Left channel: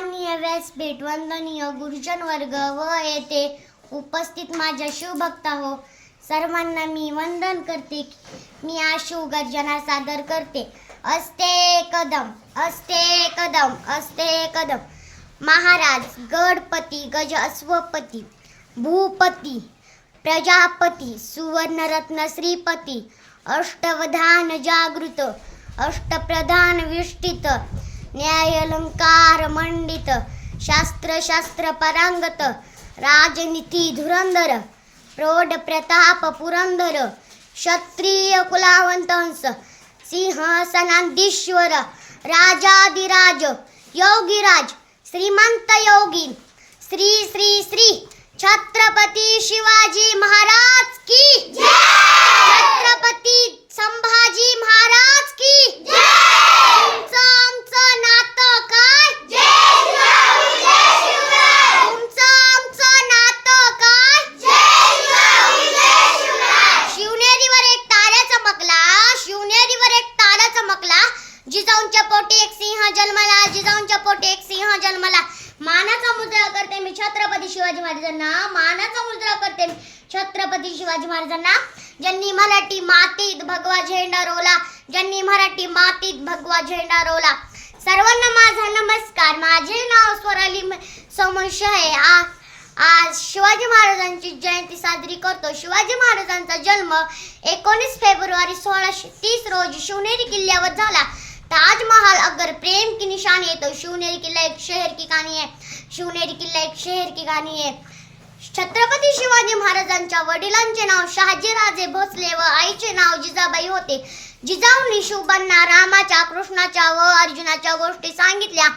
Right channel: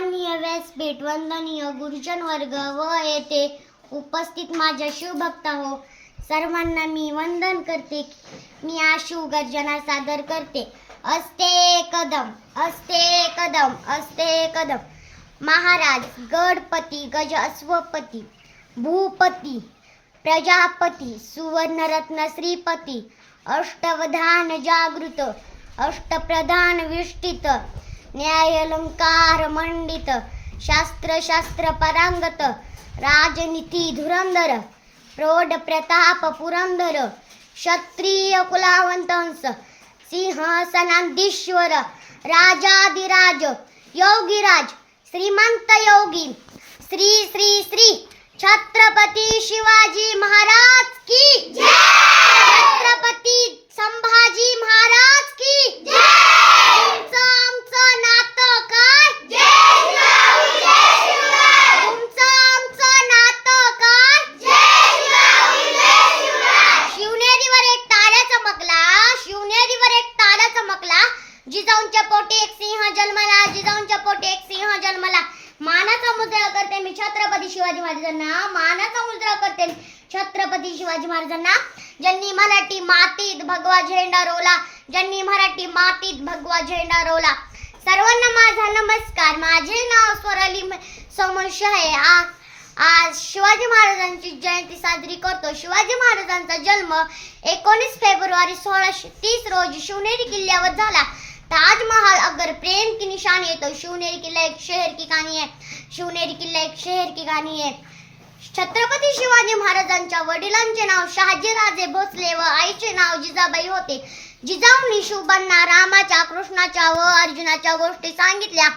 सन्माननीय व्यासपीठ, वंदनीय गुरुजन वर्ग व येथे उपस्थित माझ्या शिवभक्ता हो, सर्वांना मी वंदन करते. मी आज शिवगर्जना सादर करते. अस्ते कदम, अस्ते कदम, अस्ते कदम. महाराज गणपती, गज अश्वपती, भूपती, प्रजापती, सुवर्णरत्न श्रीपती, अष्टवधान जागृत, अष्टप्रधान विष्टित, न्यायालंकार मंडित, शास्त्र शास्त्र परांगत, राजनीती धुरंधर, प्रौढ प्रताप पुरंदर, क्षत्रिय कुलावंतंस, सिंहासनाधीश्वर, राजाधिराज, योगीराज, श्रीमंत योगी, श्री श्री श्री छत्रपती शिवाजी महाराज की जय, छत्रपती संभाजी महाराज की जय. तुमचं आमचं नातं काय? तुमचं आमचं नातं काय? शिवनेरीवर एक तारा चमकला, शिवनेरीवर एक तारा चमकला, जिजाऊंच्या पोटी एक सिंह जन्मला, जिजाऊंच्या पोटी एक सिंह जन्मला. मानाचा मुद्रा करते मी छत्रपती शिवाजी महाराजांना, मानाचा मुद्रा करते मी छत्रपती शिवाजी महाराजांना, ज्यांनी मराठी मातीत भगवा झेंडा रोवला, ज्यांनी मराठी मातीत भगवा झेंडा रोवला. सर्वांना माझा नमस्कार. माझे नाव स्वराली समोश आहे. आज शिवाजी महाराजांची जयंती साजरी करतो. शिवाजी महाराजांचा जन्म 19 फेब्रुवारी 1630 रोजी शिवनेरी किल्ल्यावर झाला. ताजमहल अगर प्रेम की निशानी है तो शिवनेरी किल्ला एक शहर की कहानी है, शिवनेरी किल्ला एक शहर की कहानी है. छत्रपती शिवाजी महाराजांच्या वडिलांचे नाव शहाजीराजे भोसले व आईचे नाव जिजाबाई होते. जिजाऊंनी शिवबांना रामाच्या, कृष्णाच्या व अर्जुनाच्या गोष्टी सांगितल्या.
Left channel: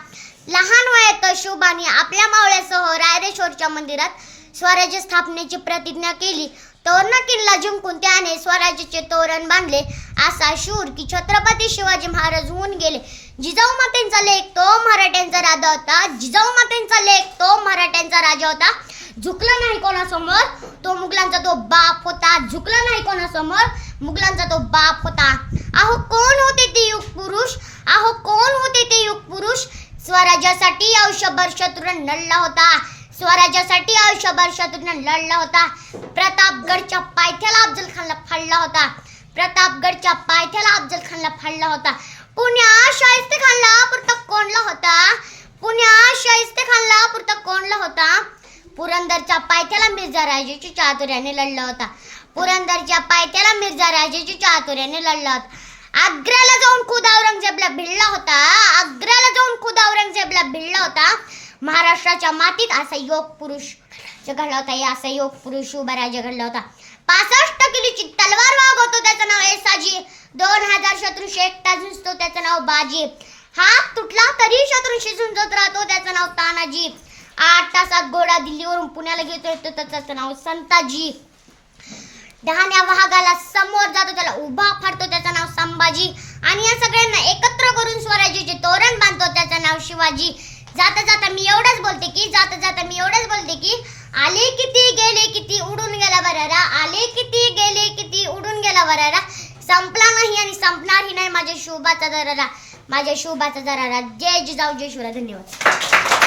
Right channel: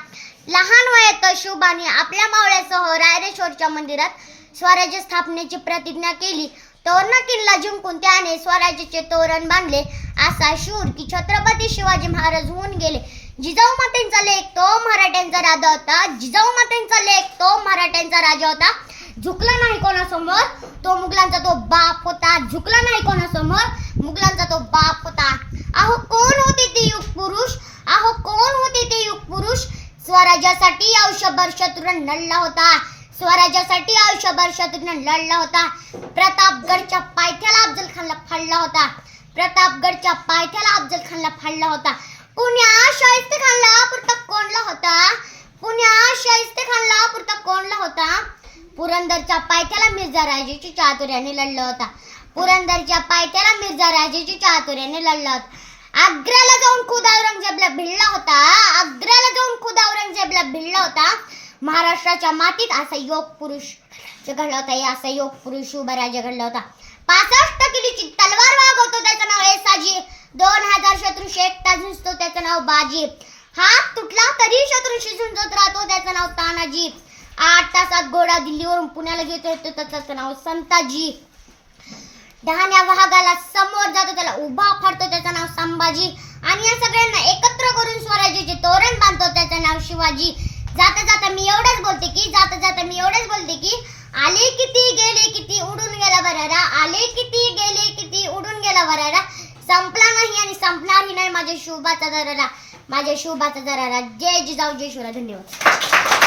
लहान वयात शिवबांनी आपल्या मावळ्यासह रायरेश्वरच्या मंदिरात स्वराज्य स्थापनेची प्रतिज्ञा केली. तोरणा किल्ला जिंकून त्याने स्वराज्याचे तोरण बांधले. असा शूर की छत्रपती शिवाजी महाराज होऊन गेले. जिजाऊ मातेंचा लेख तो मराठ्यांचा राजा होता, जिजाऊ मातेंचा लेख तो मराठ्यांचा राजा होता. झुकला नाही कोणासमोर, तो मुघलांचा तो बाप होता. झुकला नाही कोणासमोर, मुघलांचा तो बाप होता. अहो कोण होते ते युग पुरुष, अहो कोण होते ते युग पुरुष. स्वराज्यासाठी आयुष्यभर शत्रूंना लढला होता, स्वराज्यासाठी आयुष्यभर शत्रूंना लढला होता. प्रतापगडच्या पायथ्याला अफजल खानला फाडला होता, प्रतापगडच्या पायथ्याला अफजल खानला फाडला होता. पुण्या शाहिस्ते खानला पुरता कोणला होता, पुण्या शाहिस्ते खानला पुरता कोणला होता. पुरंदरच्या पायथ्याला मिर्झा राजेची चातुर्याने लढला होता, पुरंदरच्या पायथ्याला मिर्झा राजेची चातुर्याने लढला होता. आग्र्याला जाऊन खुद औरंगजेबला भिडला होता, आग्र्याला जाऊन खुद औरंगजेबला भिडला होता. महाराष्ट्राच्या मातीत असा योग पुरुष घडला होता, असा योग पुरुष उभा राजा घडला होता. 65 किलोची तलवार वागवतो त्याचं नाव येसाजी, 2000 शत्रूशी एकटा झुंजतो त्याचं नाव बाजी. हात तुटला तरी शत्रूशी झुंजत राहतो त्याचं नाव तानाजी. 8 तासात घोडा दिल्लीवरून पुण्याला घेतो येतो त्याचं नाव संताजी. डहाण्या वाघाला समोर जातो त्याला उभा फाडतो त्याचं नाव संभाजी. आणि या सगळ्यांना एकत्र करून स्वराज्याचे तोरण बांधतो त्याचं नाव शिवाजी. जाता जाता मी एवढंच बोलते की, जाता जाता मी एवढंच बोलते की, आले किती गेले किती उडून गेला बरारा, आले किती गेले किती उडून गेला बरारा. संपला नाही आणि संपणारही नाही माझ्या शिवबाचा दरारा, माझ्या शिवबाचा दरारा. जय जिजाऊ, जय शिवराय. धन्यवाद.